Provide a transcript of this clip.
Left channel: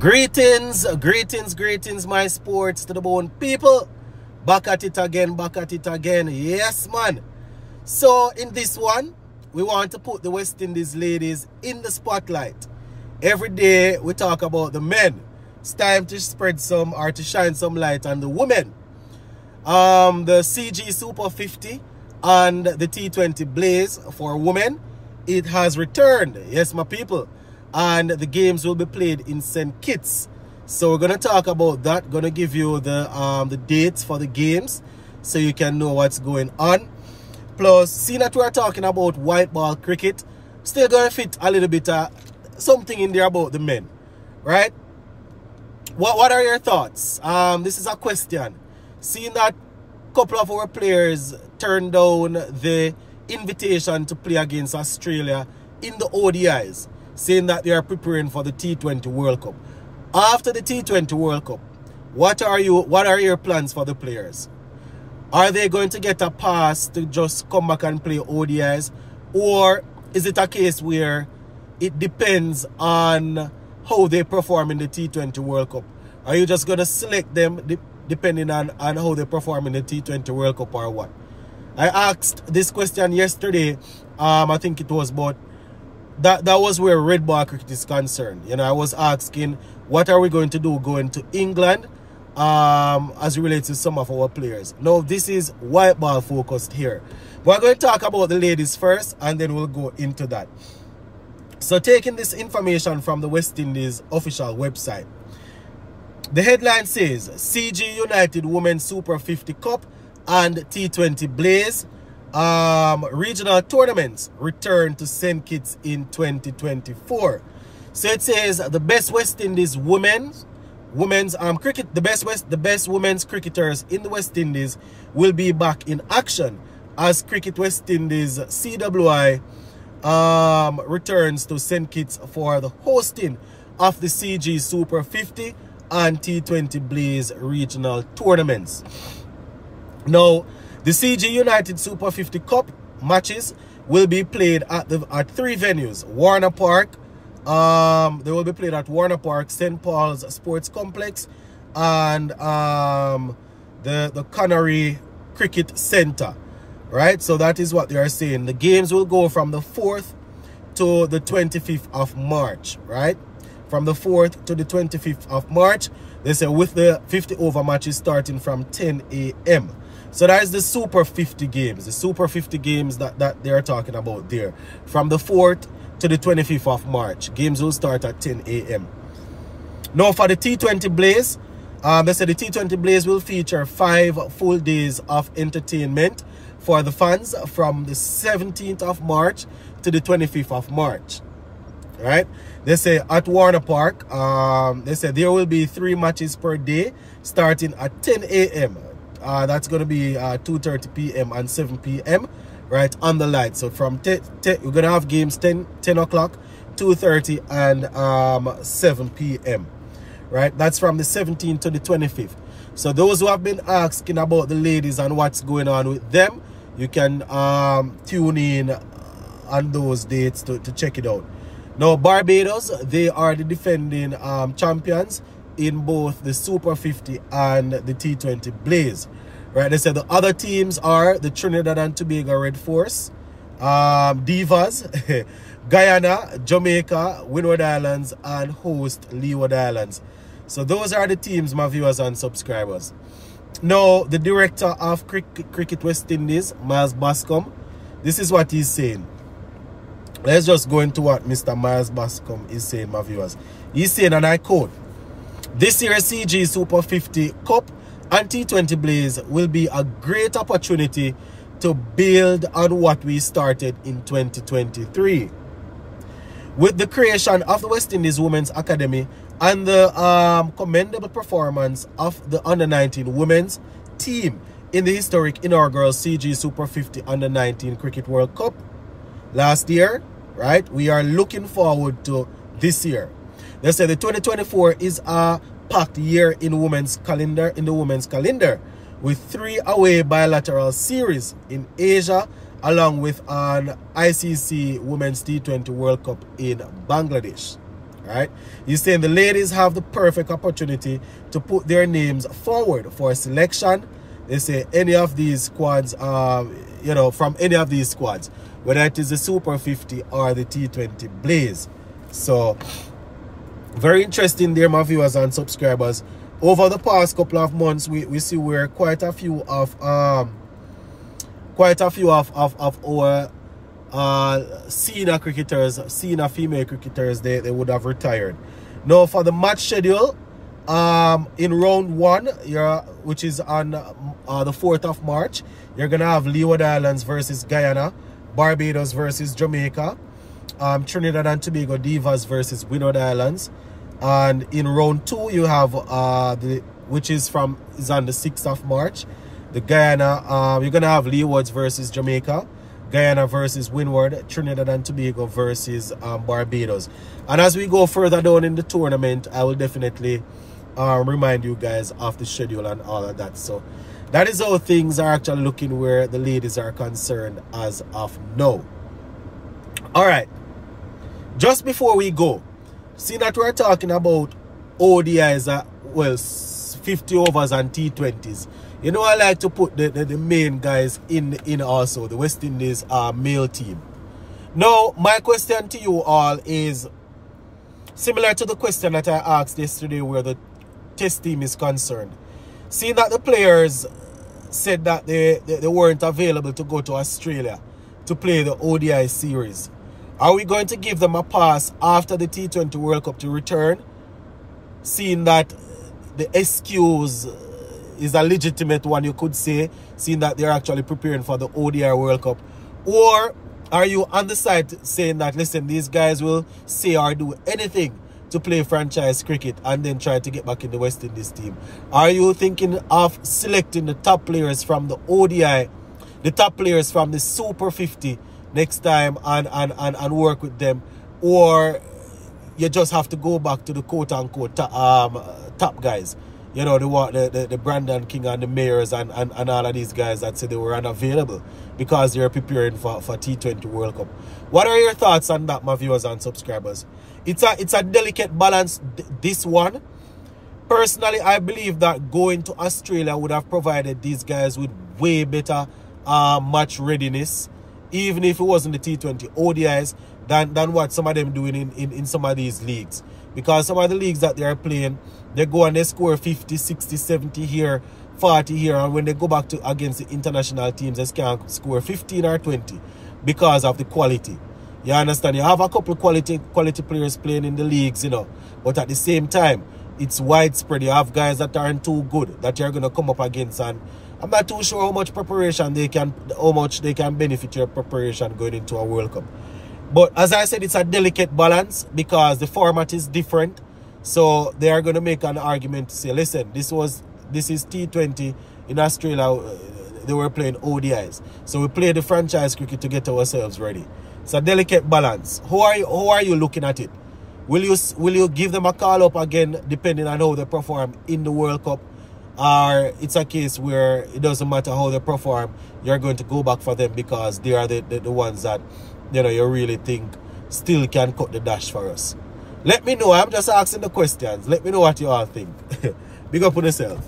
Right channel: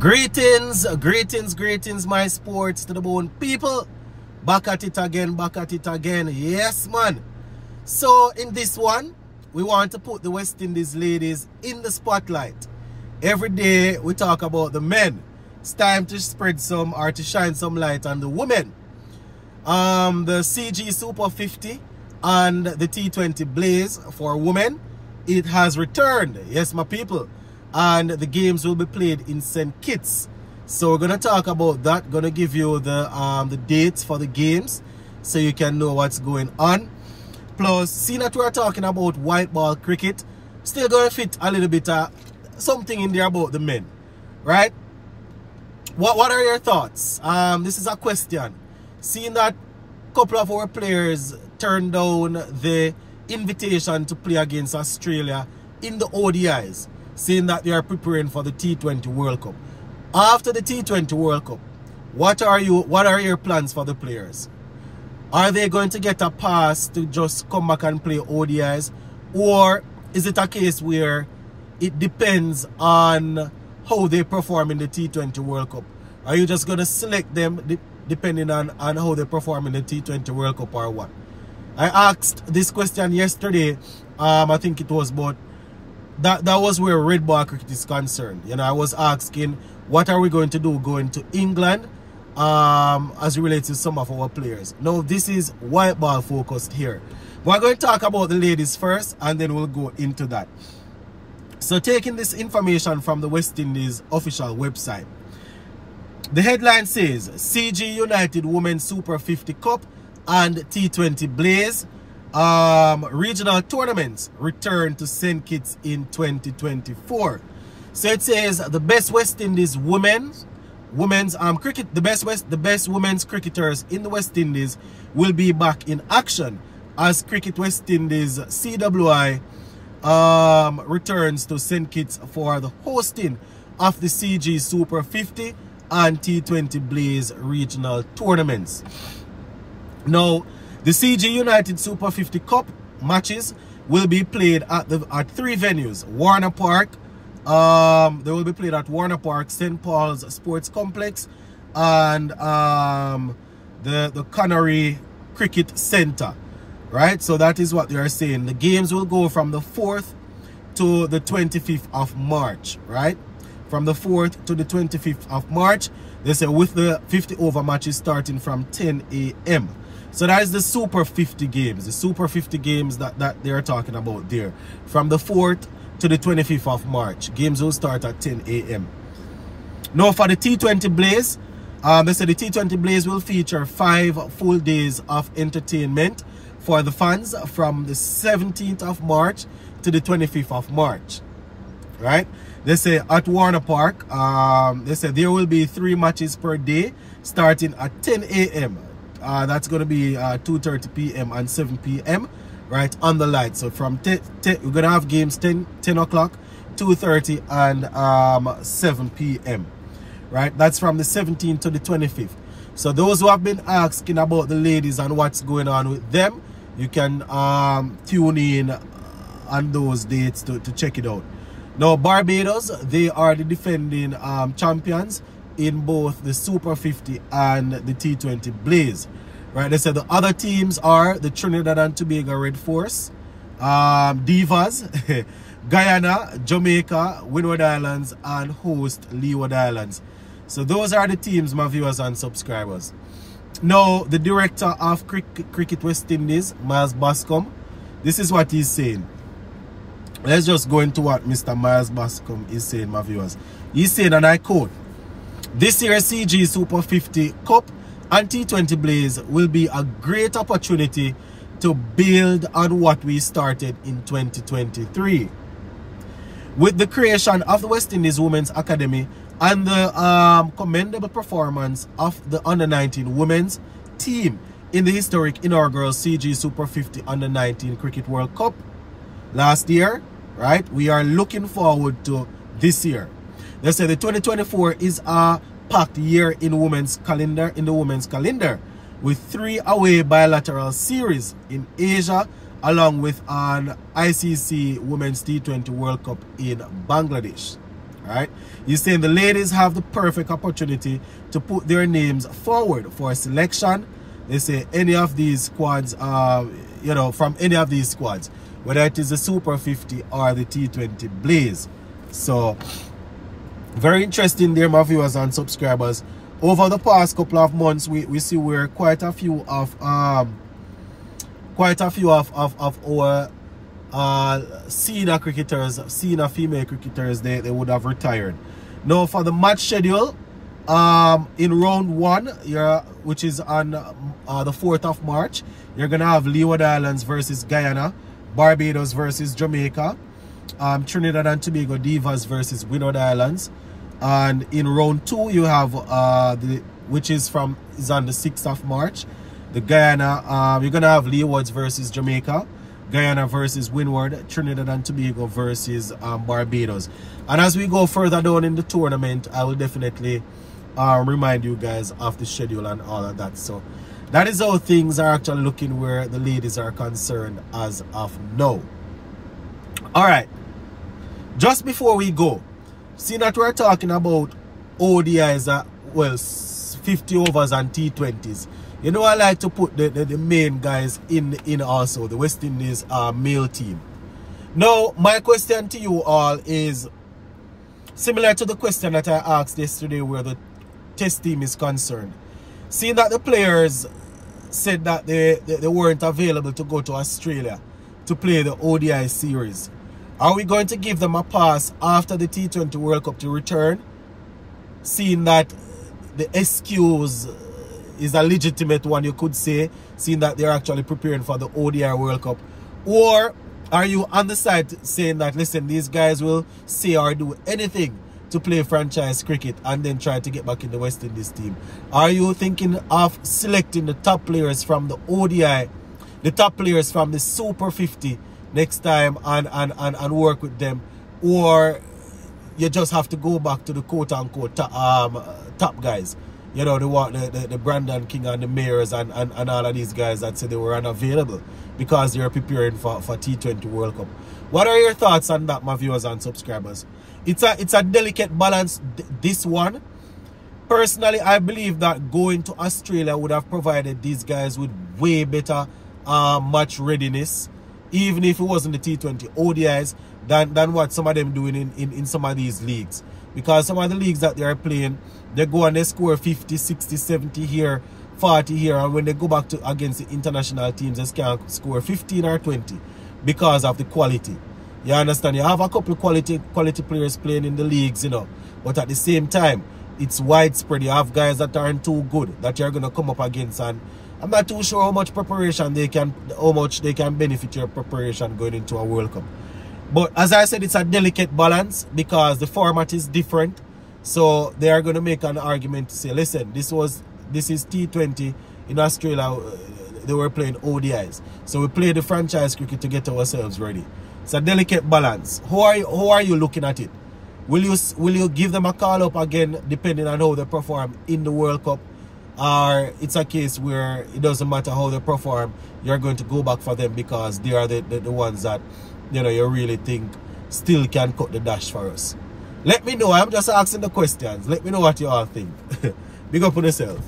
Greetings, greetings, greetings, my sports to the bone people. Back at it again, back at it again. Yes, man. So, in this one, we want to put the West Indies ladies in the spotlight. Every day, we talk about the men. It's time to spread some or to shine some light on the women. The CG Super 50 and the T20 Blaze for women, it has returned. Yes, my people. And the games will be played in St. Kitts. So we're going to talk about that. Going to give you the dates for the games so you can know what's going on. Plus, seeing that we're talking about white ball cricket, still going to fit a little bit something in there about the men, right? What are your thoughts? This is a question. Seeing that a couple of our players turned down the invitation to play against Australia in the ODIs, saying that they are preparing for the T20 World Cup. After the T20 World Cup, what are your plans for the players? Are they going to get a pass to just come back and play ODIs? Or is it a case where it depends on how they perform in the T20 World Cup? Are you just going to select them depending on how they perform in the T20 World Cup or what? I asked this question yesterday. I think it was about that was where red ball cricket is concerned. You know, I was asking, what are we going to do going to England as it relates to some of our players? Now, this is white ball focused here. We're going to talk about the ladies first, and then we'll go into that. So, taking this information from the West Indies official website, the headline says, CG United Women's Super 50 Cup and T20 Blaze regional tournaments return to St. Kitts in 2024. So it says the best West Indies women's cricket, the best women's cricketers in the West Indies will be back in action as Cricket West Indies CWI returns to St. Kitts for the hosting of the CG Super 50 and T20 Blaze regional tournaments. Now, the CG United Super 50 Cup matches will be played at three venues. Warner Park, they will be played at Warner Park, St. Paul's Sports Complex, and the Connery Cricket Center. Right? So that is what they are saying. The games will go from the 4th to the 25th of March. Right? From the 4th to the 25th of March. They say with the 50 over matches starting from 10 a.m. So that is the Super 50 games, the Super 50 games that they are talking about there. From the 4th to the 25th of March. Games will start at 10 a.m. Now for the T20 Blaze, they said the T20 Blaze will feature 5 full days of entertainment for the fans from the 17th of March to the 25th of March. Right? They say at Warner Park, they say there will be 3 matches per day starting at 10 a.m. That's going to be 2:30 p.m. and 7 p.m. right on the light. So from we're going to have games 10 o'clock, 2:30 and 7 p.m. right? That's from the 17th to the 25th. So those who have been asking about the ladies and what's going on with them, you can tune in on those dates to check it out. Now Barbados, they are the defending champions in both the Super 50 and the T20 Blaze. Right, they said the other teams are the Trinidad and Tobago Red Force, Divas, Guyana, Jamaica, Windward Islands, and host Leeward Islands. So those are the teams, my viewers and subscribers. Now, the director of Cricket West Indies, Miles Bascom, this is what he's saying. Let's just go into what Mr. Miles Bascom is saying, my viewers. He's saying, and I quote, "This year's CG Super 50 Cup and T20 Blaze will be a great opportunity to build on what we started in 2023. With the creation of the West Indies Women's Academy and the commendable performance of the Under-19 women's team in the historic inaugural CG Super 50 Under-19 Cricket World Cup last year, right, we are looking forward to this year. They say the 2024 is a packed year in the women's calendar, with 3 away bilateral series in Asia, along with an ICC Women's T20 World Cup in Bangladesh. Alright? He's saying the ladies have the perfect opportunity to put their names forward for selection. They say any of these squads, you know, from any of these squads, whether it is the Super 50 or the T20 Blaze. So, very interesting there, my viewers and subscribers. Over the past couple of months, we see where quite a few of our senior cricketers, senior female cricketers, they would have retired. Now for the match schedule, in round 1, which is on the 4th of March, you're gonna have Leeward Islands versus Guyana, Barbados versus Jamaica, Trinidad and Tobago Divas versus Windward Islands, and in round 2 you have which is on the 6th of March, the Guyana. You're gonna have Leewards versus Jamaica, Guyana versus Windward, Trinidad and Tobago versus Barbados. And as we go further down in the tournament, I will definitely remind you guys of the schedule and all of that. So that is how things are actually looking where the ladies are concerned as of now. All right, just before we go, see that we're talking about ODIs, well, 50 overs and T20s. You know, I like to put the main guys in also, the West Indies male team. Now, my question to you all is similar to the question that I asked yesterday where the test team is concerned. Seeing that the players said that they weren't available to go to Australia to play the ODI series, are we going to give them a pass after the T20 World Cup to return, seeing that the excuse is a legitimate one, you could say, seeing that they're actually preparing for the ODI World Cup? Or are you on the side saying that, listen, these guys will say or do anything to play franchise cricket and then try to get back in the West Indies team? Are you thinking of selecting the top players from the ODI, the top players from the Super 50 next time and work with them? Or you just have to go back to the quote-unquote top guys? You know, the Brandon King and the Mayors and all of these guys that said they were unavailable because they're preparing for T20 World Cup. What are your thoughts on that, my viewers and subscribers? It's a delicate balance, this one. Personally, I believe that going to Australia would have provided these guys with way better match readiness, even if it wasn't the T20 ODIs, than what some of them doing in some of these leagues. Because some of the leagues that they are playing, they go and they score 50, 60, 70 here, 40 here, and when they go back to against the international teams, they can score 15 or 20 because of the quality. You understand? You have a couple of quality players playing in the leagues, you know, but at the same time, it's widespread. You have guys that aren't too good that you're going to come up against, and I'm not too sure how much they can benefit your preparation going into a World Cup. But as I said, it's a delicate balance because the format is different. So they are going to make an argument to say, listen, this is T20 in Australia. They were playing ODIs. So we play the franchise cricket to get ourselves ready. It's a delicate balance. How are you looking at it? Will you give them a call up again depending on how they perform in the World Cup? Or it's a case where it doesn't matter how they perform, you're going to go back for them because they are the ones that, you know, you really think still can cut the dash for us? Let me know. I'm just asking the questions. Let me know what you all think. Big up on yourself.